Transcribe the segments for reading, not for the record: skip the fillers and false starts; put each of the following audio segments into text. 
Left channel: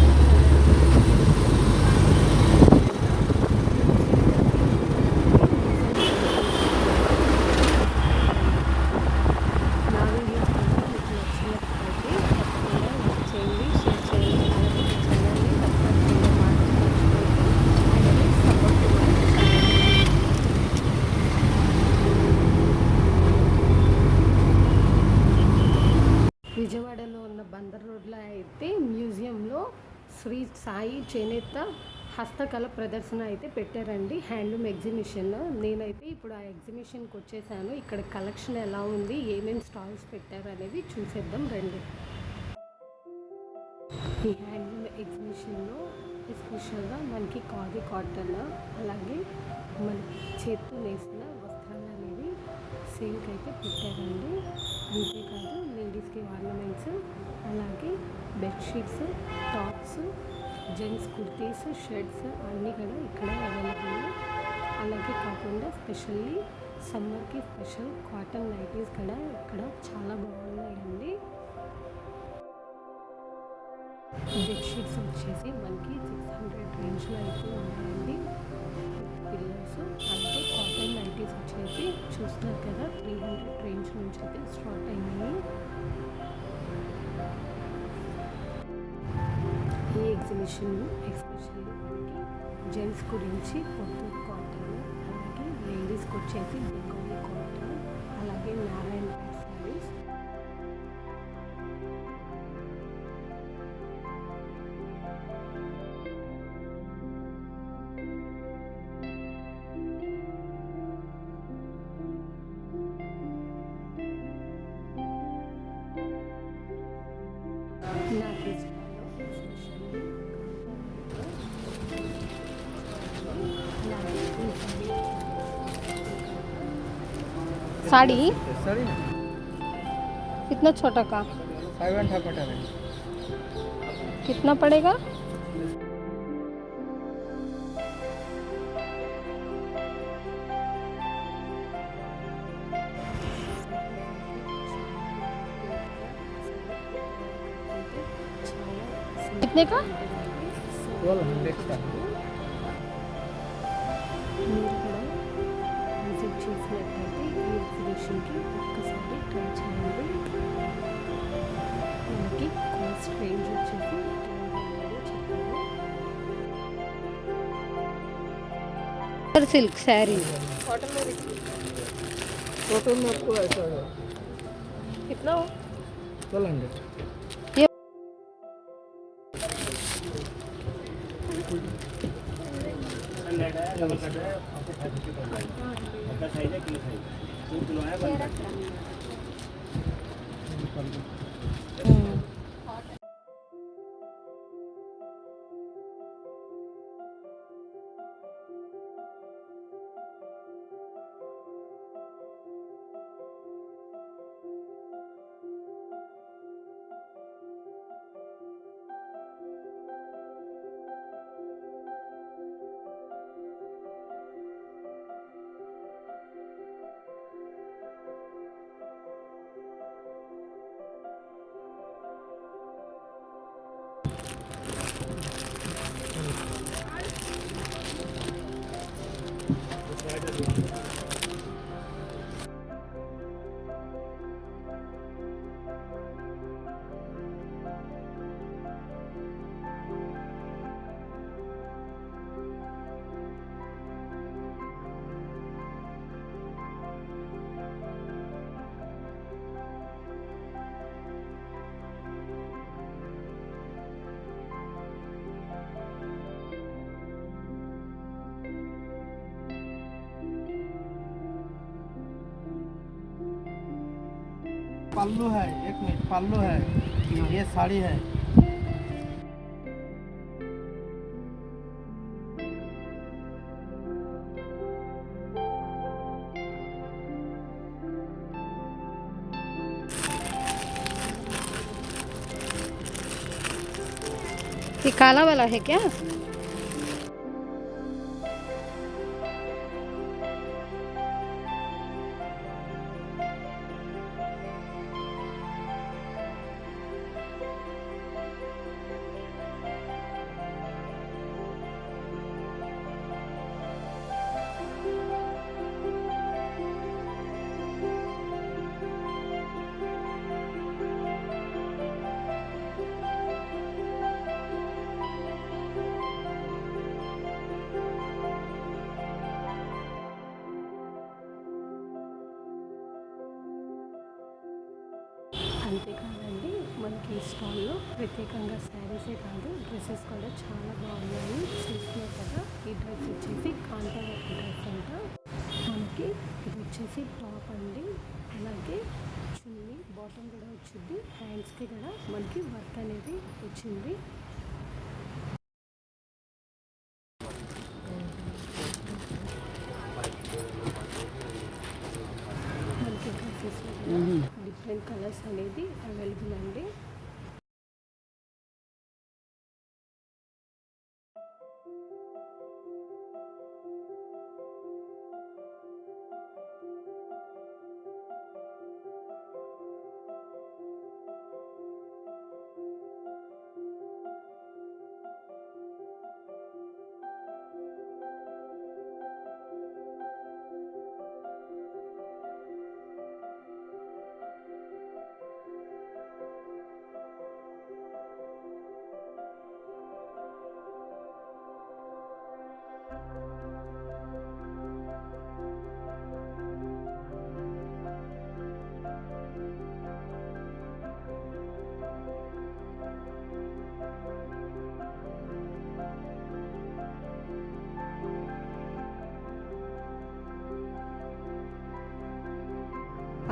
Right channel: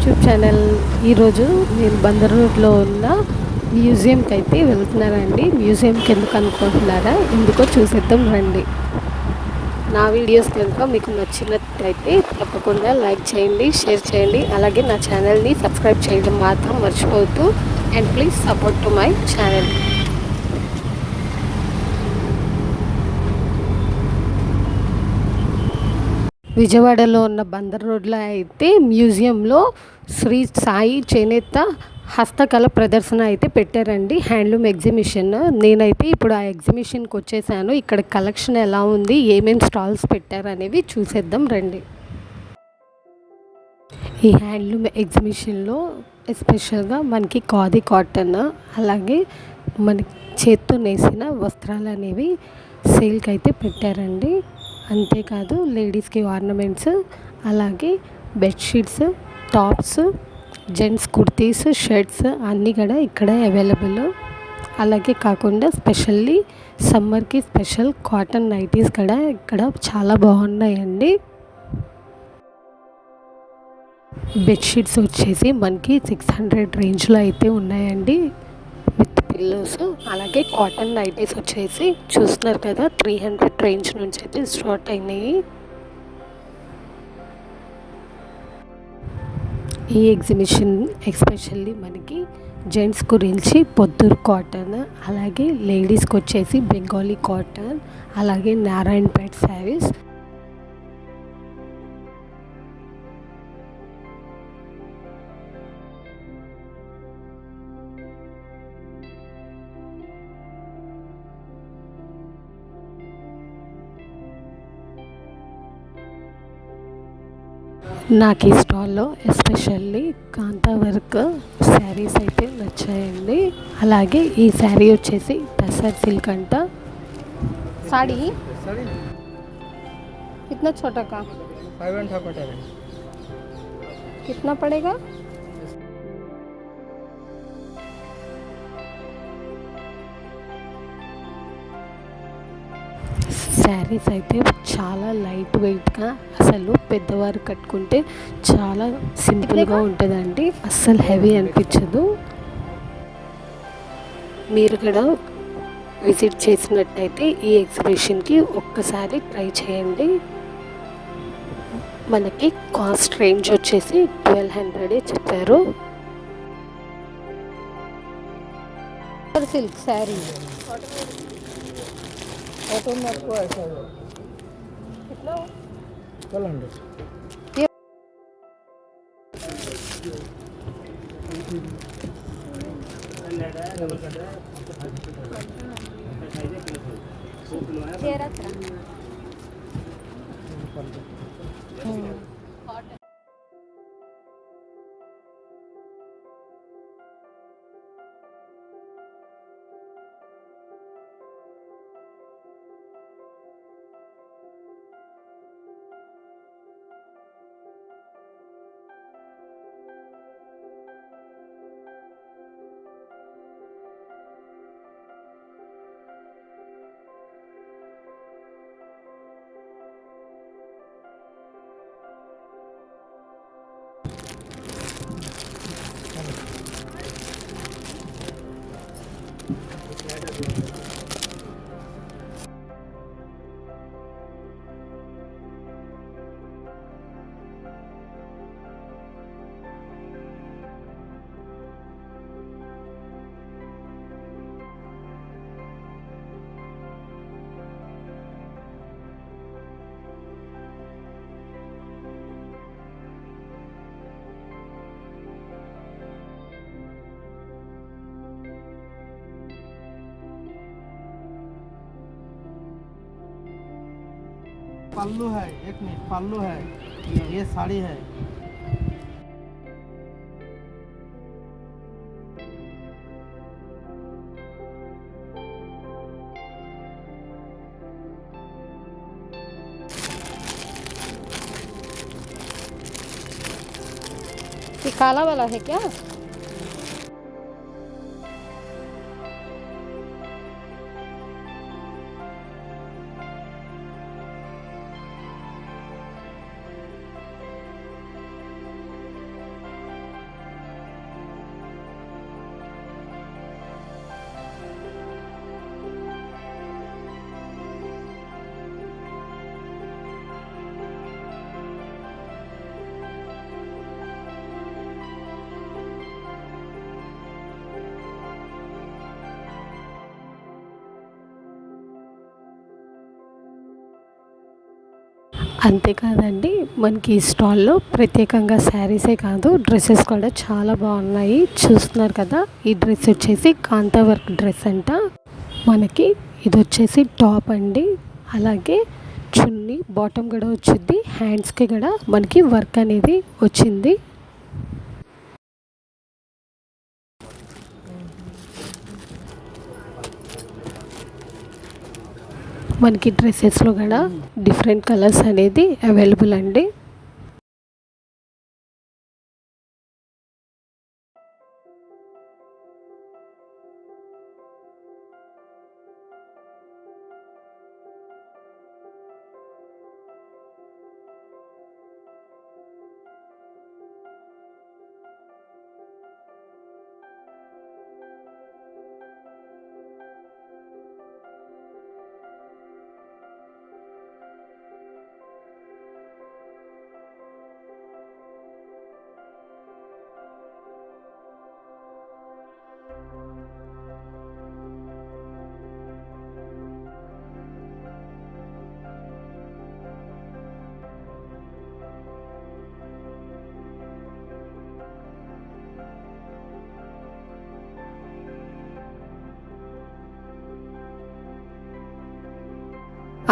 YouTube channel. ఈరోజు నేను బందర్ రోడ్లో ఉన్న మ్యూజియంకి అయితే వెళ్తున్నానండి. మ్యూజియంకి ఎందుకు అనుకుంటున్నారా? ఎందుకో చూసేద్దాం రండి. నా వీడియోస్ కనుక మీకు నచ్చినట్టయితే తప్పకుండా లైక్ చేయండి, షేర్ చేయండి, అలాగే నా ఛానల్ని సబ్స్క్రైబ్ చేయడం మాత్రం మర్చిపోవద్దు. And please support to my channel. విజయవాడలో ఉన్న బందర్ రోడ్లో అయితే మ్యూజియంలో శ్రీ సాయి చేనేత హస్తకళ ప్రదర్శన అయితే పెట్టారండి. Handloom exhibition. నేనైతే ఇప్పుడు ఆ ఎగ్జిబిషన్కి వచ్చేసాను. ఇక్కడ కలెక్షన్ ఎలా ఉంది, ఏమేమి స్టాల్స్ పెట్టారు అనేవి చూసేద్దాం రండి. ఈ హ్యాండ్లూమ్ ఎగ్జిబిషన్లో ఎస్పెషల్గా మనకి ఖాదీ కాటన్, అలాగే మనకి చేత్తో నేసిన వస్త్రాలు అనేవి సేల్కి అయితే పెట్టారండి. అంతేకాదు లేడీస్కి ఆర్నమెంట్స్, అలాగే బెడ్షీట్స్, టాప్స్, జెంట్స్ కుర్తీస్, షర్ట్స్ అన్నీ కూడా ఇక్కడ అవైలబుల్. అలాగే కాకుండా స్పెషల్లీ సమ్మర్కి స్పెషల్ కాటన్ నైటీస్ కూడా ఇక్కడ చాలా బాగున్నాయండి. బెడ్షీట్స్ వచ్చేసి మనకి 600 రేంజ్లో అయితే ఉన్నాయండి విత్ పిల్లోస్. అలాగే కాటన్ నైటీస్ వచ్చేసి చూస్తున్నారు కదా 300 రేంజ్ నుంచి అయితే స్టార్ట్ అయినాయి. ఈ ఎగ్జిబిషన్ ఎస్పెషల్లీ మనకి జెంట్స్ గురించి పొద్దురు కాటన్, అలాగే లేడీస్కి వచ్చేసి బెంగాలీ కాటన్, అలాగే నారాయణపేట్ శారీస్, నాకు ఈ స్టాల్లో ఎస్పెషల్లీ కాంతా వర్క్ శారీస్ అయితే నచ్చాయండి. అలాగే ఈ శారీ వచ్చేసి టసర్ సిల్క్ అంట. సాడీ कितना छोटा का 5.5 पटा है. कितना पड़ेगा? శారీస్ అయితే చాలా లైట్ వెయిట్గా, అసలు పెద్దవారు కట్టుకుంటే చాలా సింపుల్గా ఉంటుందండి. అస్సలు హెవీ అనిపించదు. మీరు కూడా విజిట్ చేసినట్టయితే ఈ ఎగ్జిబిషన్కి ఒక్కసారి ట్రై చేయండి. మనకి కాస్ట్ రేంజ్ వచ్చేసి 1200 చెప్పారు. సిల్క్ శారీ कॉटन में आपको ऐसा है कितना 1200. पल्लू है, एक मिनट, पल्लू है, ये साड़ी है. ये काला वाला है क्या? అంతేకాదండి, మనకి ఈ స్టాల్లో ప్రత్యేకంగా శారీసే కాదు, డ్రెస్సెస్ కూడా చాలా బాగున్నాయి. చూస్తున్నారు కదా, ఈ డ్రెస్ వచ్చేసి కాంతా వర్క్ డ్రెస్ అంట. మనకి ఇది వచ్చేసి టాప్ అండి, అలాగే చున్నీ బాటమ్ కూడా వచ్చింది, హ్యాండ్స్కి కూడా మనకి వర్క్ అనేది వచ్చింది. మనకి డ్రెస్సెస్లో కూడా డిఫరెంట్ కలర్స్ అనేది అవైలబుల్ అండి.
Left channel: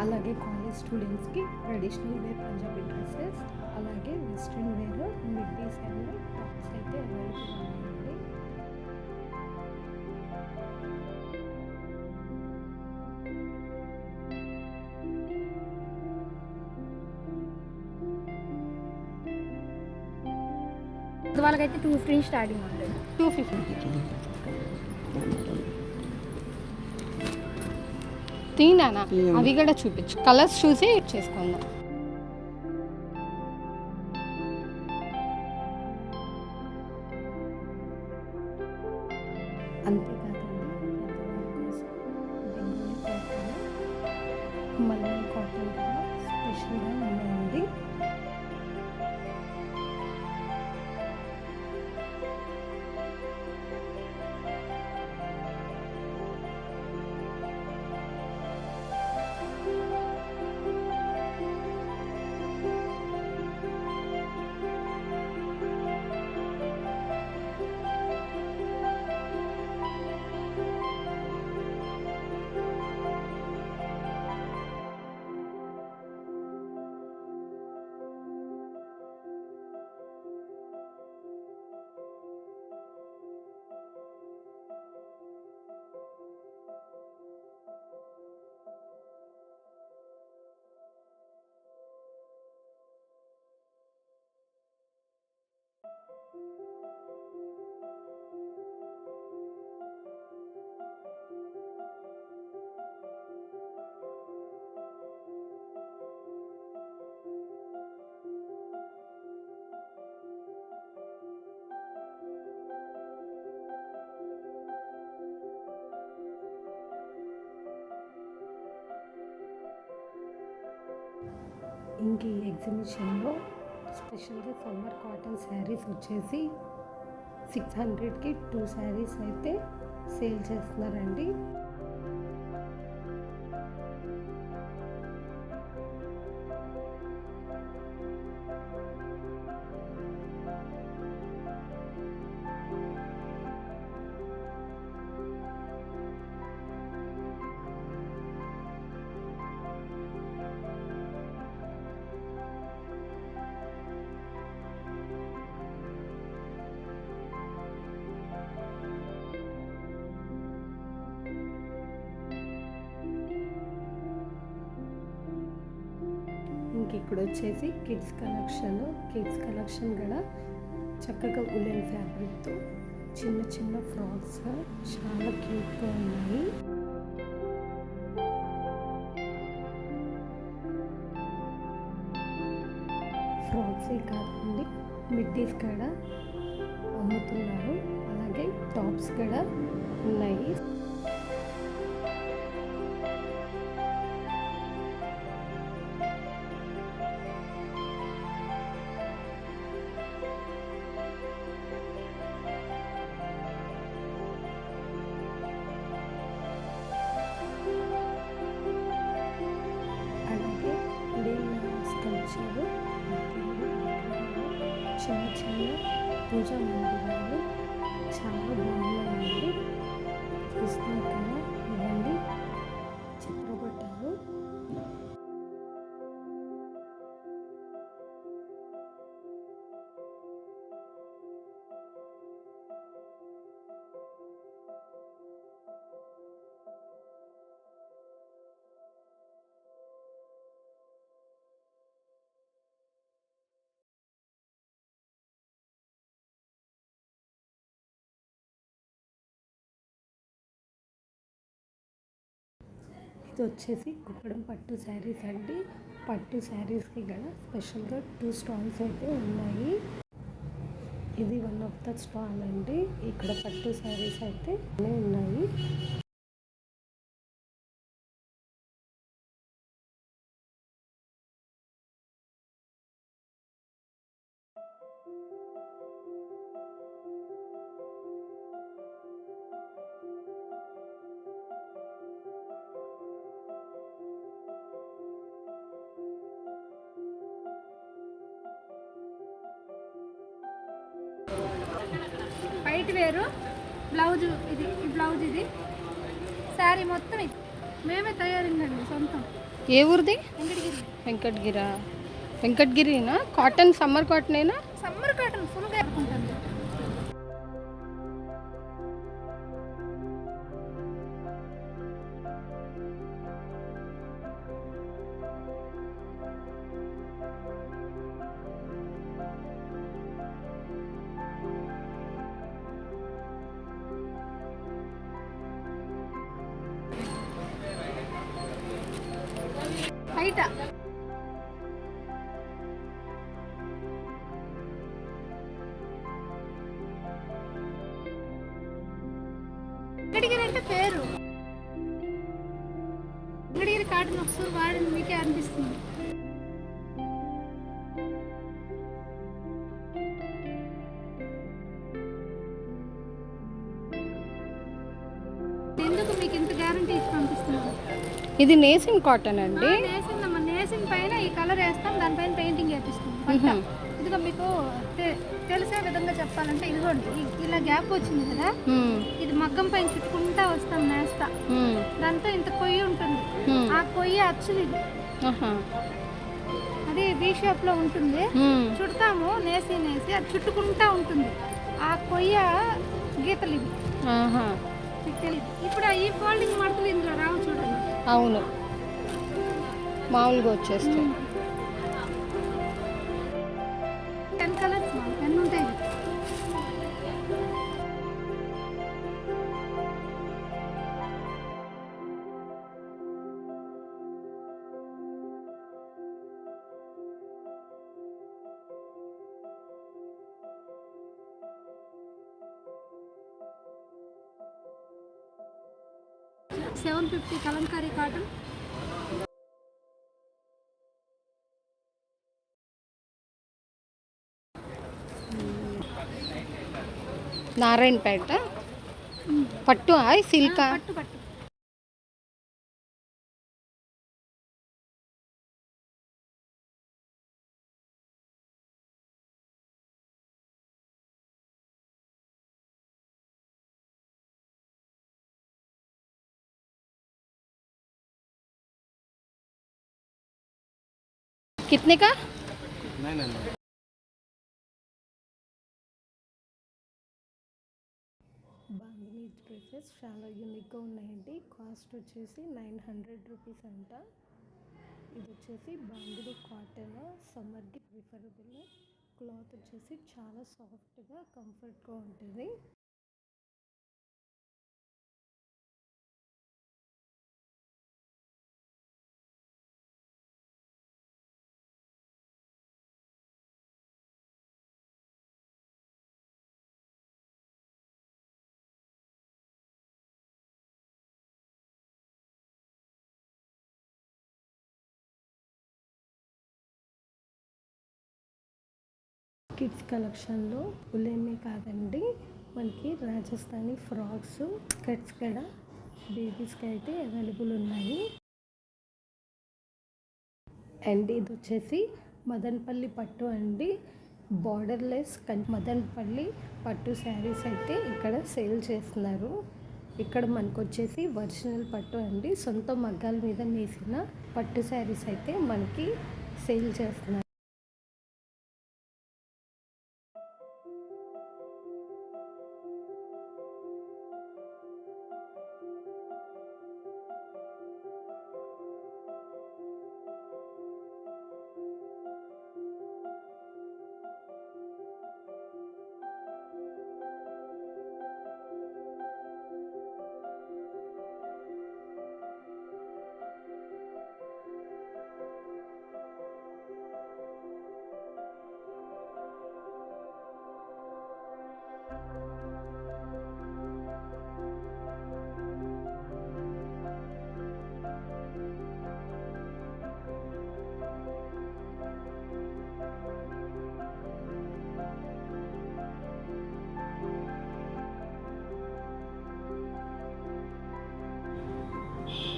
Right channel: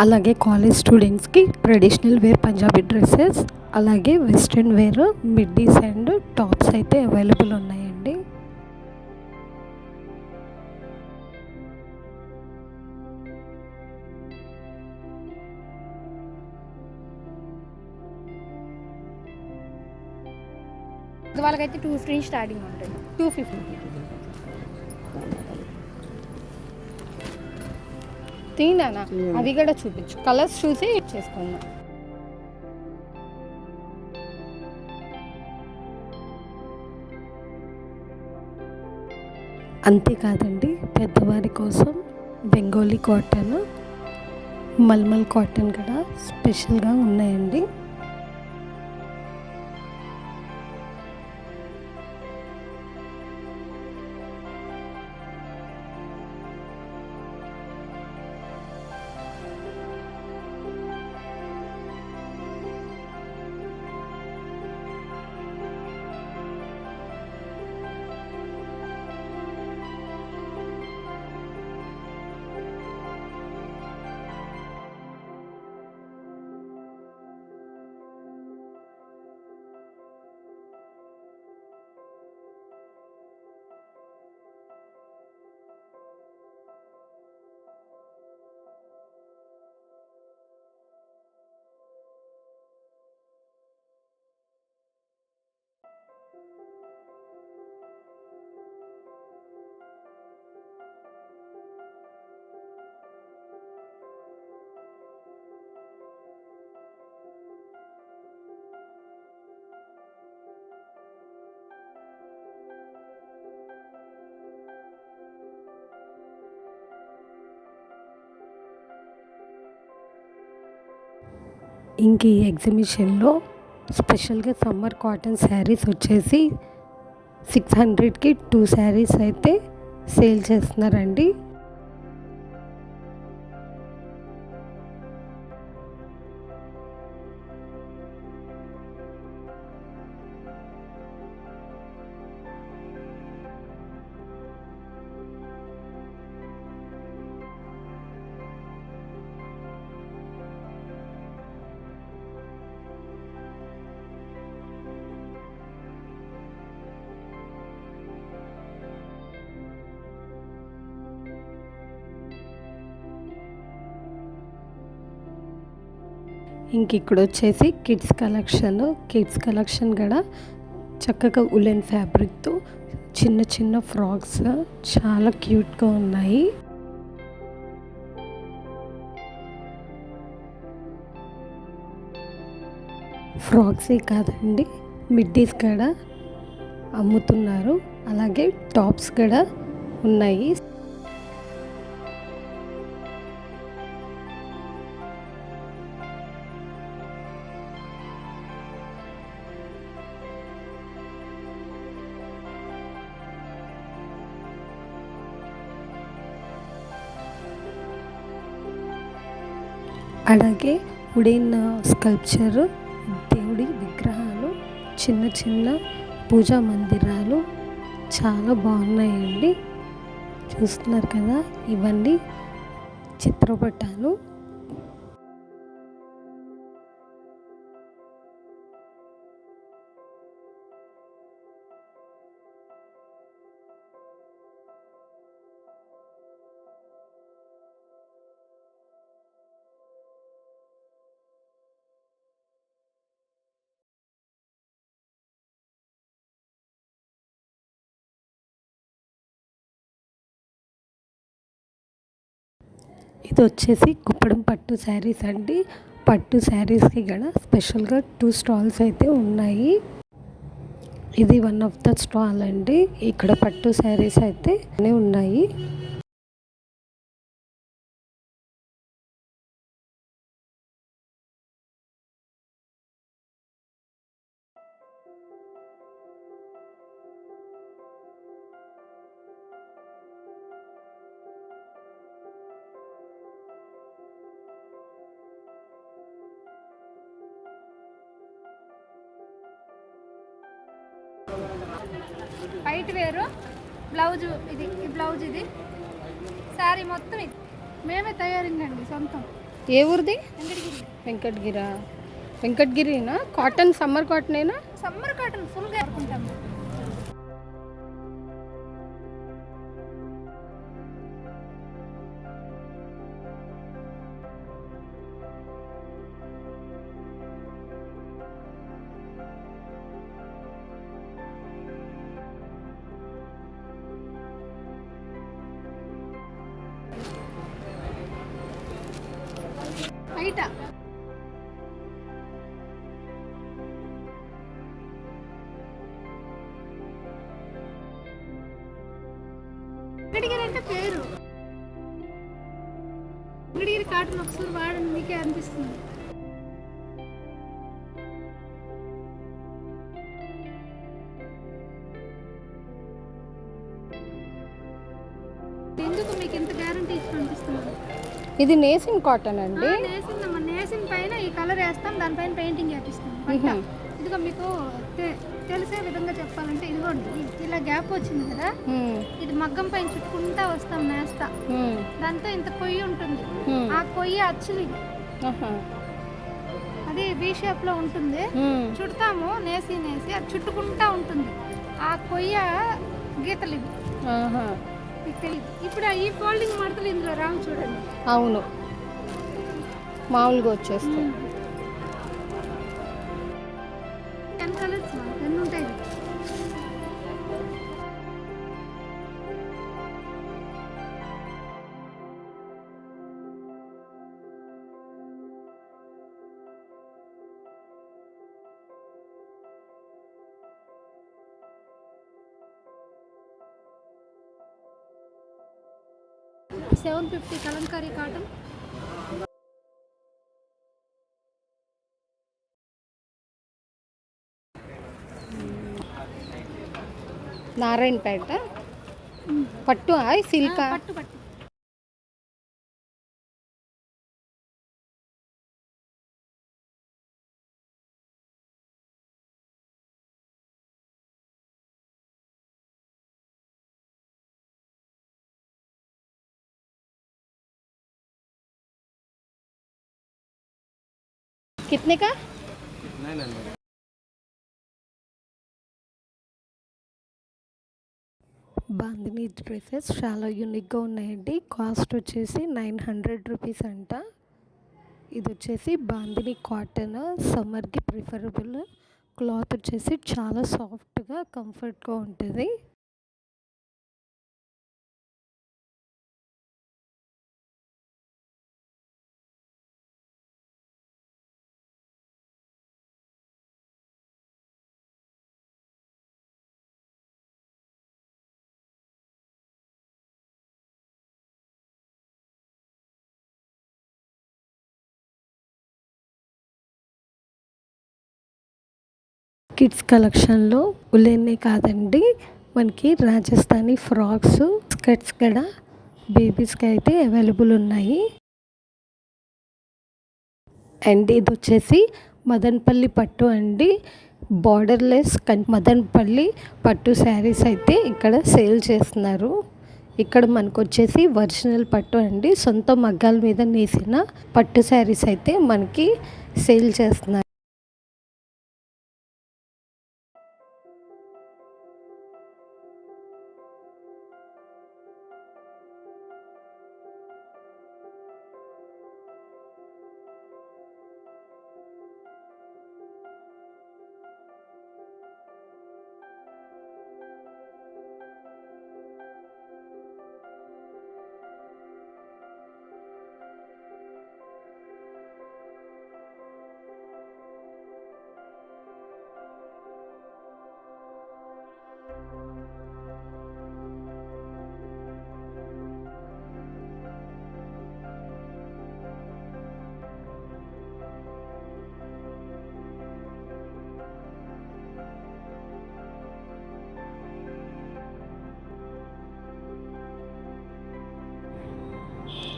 అలాగే కాలేజ్ స్టూడెంట్స్కి ట్రెడిషనల్ వేర్ పంజాబీ డ్రెస్సెస్, అలాగే western wear middies and tops అయితే అవైలబుల్ ఉన్నాయండి. వాళ్ళకైతే 2 ఫ్రీ స్టార్టింగ్ ఉంటుంది, 250. తీనానా అవి కూడా చూపించు, కలర్స్ చూసి చేసుకుందాం. అంతేకాదండి, పెద్దవారి కోసం బెంగాలీ కాటన్, మల్మల్ కాటన్ కూడా స్పెషల్గా ఉన్నాయండి. ఇంక ఈ ఎగ్జిబిషన్లో స్పెషల్గా సమ్మర్ కాటన్ శారీస్ వచ్చేసి 600కి 2 శారీస్ అయితే సేల్ చేస్తున్నారండి. ఇంక ఇక్కడ వచ్చేసి కిడ్స్ కలెక్షన్ కూడా చక్కగా ఉలెన్ ఫ్యాబ్రిక్తో చిన్న చిన్న ఫ్రాక్స్ చాలా క్యూట్గా ఉన్నాయి. ఫ్రాక్సే కాదండి, మిడ్డీస్ కూడా అమ్ముతున్నారు, అలాగే టాప్స్ కూడా ఉన్నాయి. అలాగే వుడెన్ స్కల్ప్చర్, దేవుడి విగ్రహాలు, చిన్న చిన్న పూజా మందిరాలు చాలా బాగున్నాయండి. చూస్తున్నారు కదా, ఇవన్నీ చిత్రపటాలు. ఇది వచ్చేసి కుప్పడం పట్టు శారీస్ అండి. పట్టు శారీస్కి కూడా స్పెషల్గా 2 స్టాల్స్ అయితే ఉన్నాయి. ఇది వన్ ఆఫ్ ద స్టాల్ అండి. ఇక్కడ పట్టు శారీస్ అయితే ఉన్నాయి. వైట్ వేరు బ్లౌజ్, ఇది బ్లౌజ్, ఇది శారీ మొత్తం ఇది మేమే తయారిందండి సొంతం. ఏ ఊరిది? వెంకటగిరి. వెంకటగిరినా? కాటన్, సమ్మర్ కాటనేనా? సమ్మర్ కాటన్ ఫుల్గా అనుకుంటాను. బయట వెంకటగిరి అంటే పేరు. వెంకటగిరి కాటన్ ఒకసారి వాడండి, మీకే అనిపిస్తుంది. ఎందుకు మీకు ఇంత గ్యారంటీ ఇచ్చి పంపిస్తున్నాను. ఇది నేసిన్ కాటన్ అండి. నేసిన్ పైన ఈ కలర్ వేస్తాం, దానిపైన పెయింటింగ్ వేపిస్తాం. ఇదిగో మీకు తెలిసే విధంగా చెప్పాలంటే, ఇదిగోండి ఇలా గ్యాప్ వచ్చింది కదా, ఇది మగ్గం పైన చుట్టుకుంటా వస్తాం నేస్తా. దాంతో ఇంత కొయ్యి ఉంటుంది, ఆ కొయ్యి అచ్చులు ఇది. అది బీ షేప్ లో ఉంటుంది, చుడతాము నేసి అది చుట్టుకుంటా ఉంటుంది. ఆ కొయ్య గీతలు ఇవి. ఇప్పుడు ఈ ఫోల్డింగ్ మడతలు ఇందులో రావు చూడండి. అవును, మామూలుగా వచ్చేస్తే 10 కలర్స్ 10 ఉంటాయి. $750 కలంకారీ కాటన్. నారాయణపేట పట్టు సిల్క్ పట్టు పట్టు. कितने का? బాందిని డ్రెస్సెస్ చాలా యూనిక్గా ఉన్నాయండి. కాస్ట్ వచ్చేసి 900 రూపీస్ అంట. ఇది వచ్చేసి బాందిని కాటన్, సమ్మర్కి ప్రిఫరబుల్. క్లాత్ వచ్చేసి చాలా సాఫ్ట్గా కంఫర్ట్గా ఉంటుంది. కిడ్స్ కలెక్షన్లో ఉలెన్నే కాదండి, మనకి రాజస్థానీ ఫ్రాక్స్, స్కర్ట్స్ కూడా బేబీస్కి అయితే అవైలబుల్ ఉన్నాయి. అండ్ ఇది వచ్చేసి మదనపల్లి పట్టు అండి. బార్డర్లెస్ మదనపల్లి పట్టు శారీస్ అయితే ఇక్కడ సేల్ చేస్తున్నారు. ఇక్కడ మనకు వచ్చేసి ఒరిజినల్ పట్టు అండి, సొంత మగ్గాల మీద నేసిన పట్టు శారీస్ అయితే మనకి సేల్ చేస్తున్నారు.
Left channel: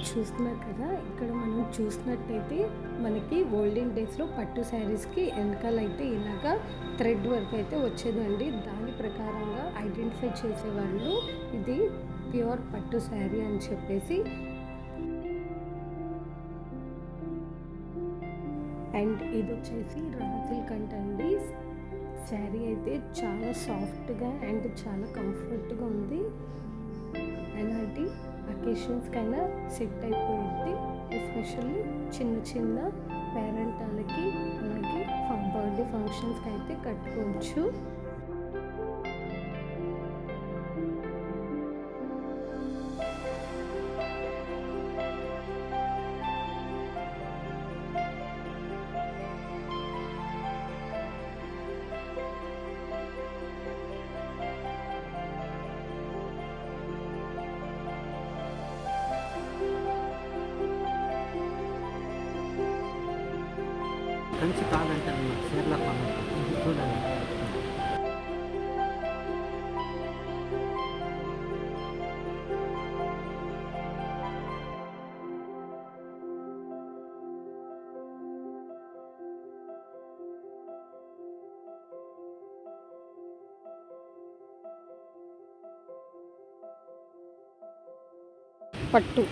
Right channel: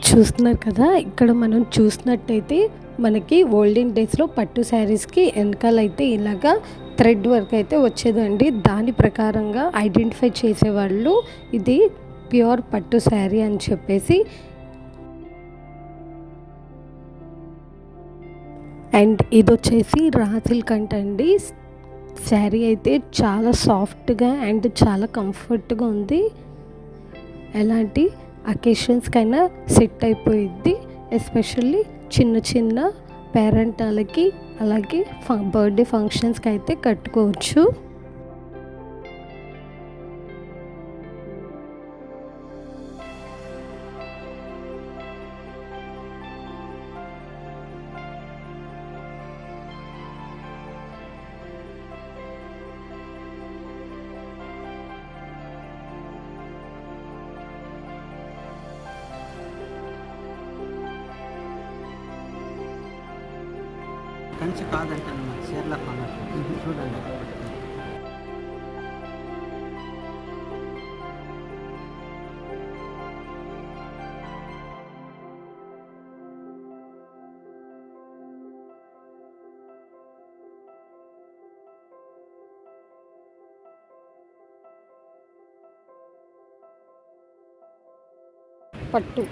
చూస్తున్నారు కదా, ఇక్కడ మనం చూసినట్టయితే మనకి ఓల్డెన్ డేస్లో పట్టు శారీస్కి వెనకాలైతే ఇలాగా థ్రెడ్ వర్క్ అయితే వచ్చేదండి. దాని ప్రకారంగా ఐడెంటిఫై చేసేవాళ్ళు ఇది ప్యూర్ పట్టు శారీ అని చెప్పేసి. అండ్ ఇది వచ్చేసి రా సిల్క్ అండి. శారీ అయితే చాలా సాఫ్ట్గా అండ్ చాలా కంఫర్ట్గా ఉంది. ఎలాంటి అకేషన్స్కైనా సెట్ అయిపోయిద్ది. ఎస్పెషల్లీ చిన్న చిన్న పేరెంటాలకి అలాగే బర్త్డే ఫంక్షన్స్కి అయితే కట్టుకోవచ్చు. కంచి కాదంటే చీరల కొన్నట్టు చూడండి. పట్టు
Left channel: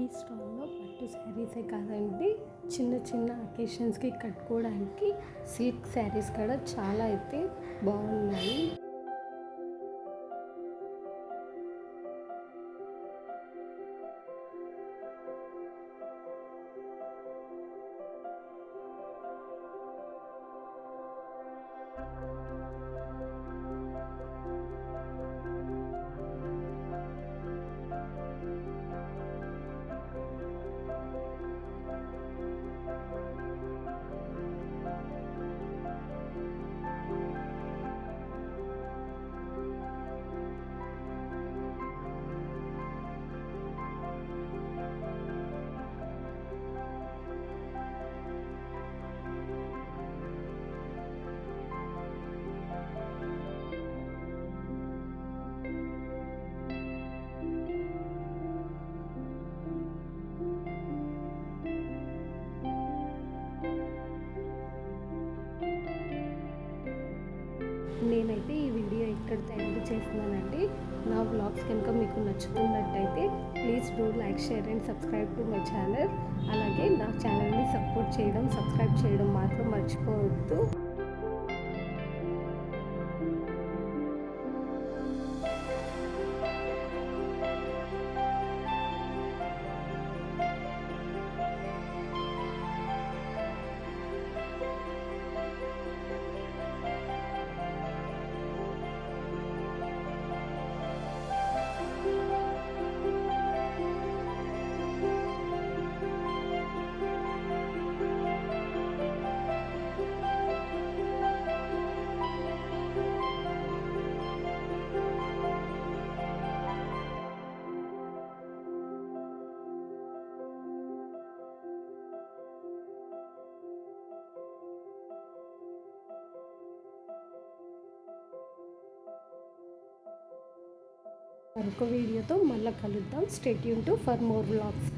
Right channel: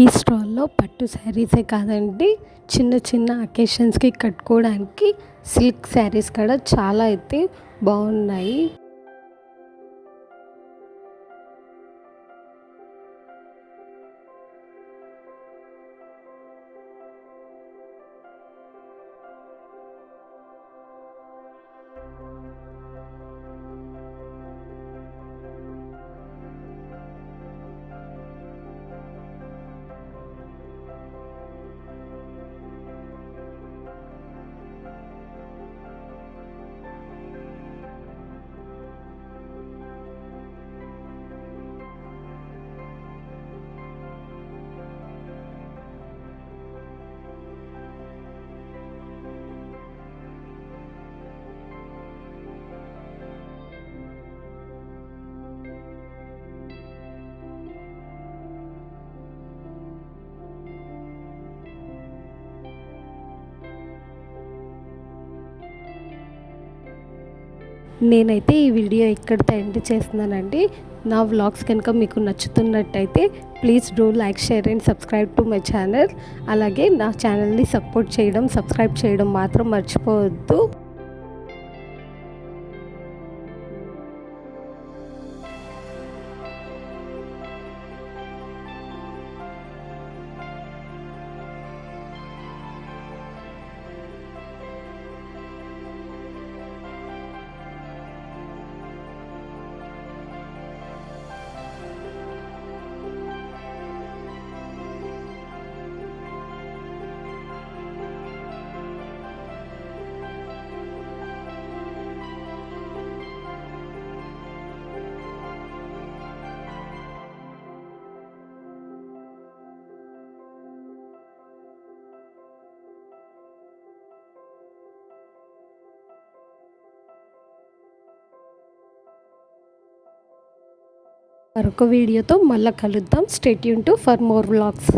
ఈ స్టాల్లో పట్టు శారీసే కాదండి, చిన్న చిన్న అకేషన్స్కి కట్టుకోవడానికి సిల్క్ శారీస్ కూడా చాలా అయితే బాగున్నాయి. నేనైతే ఈ వీడియో ఇక్కడితో ఎండ్ చేస్తున్నానండి. నా వ్లాగ్స్ కనుక మీకు నచ్చుతున్నట్టయితే please do like, share and subscribe to my channel. అలాగే నా ఛానల్ని సపోర్ట్ చేయడం, సబ్స్క్రైబ్ చేయడం మాత్రం మర్చిపోవద్దు. మరొక వీడియోతో మళ్ళీ కలుద్దాం. Stay tune to for more vlogs.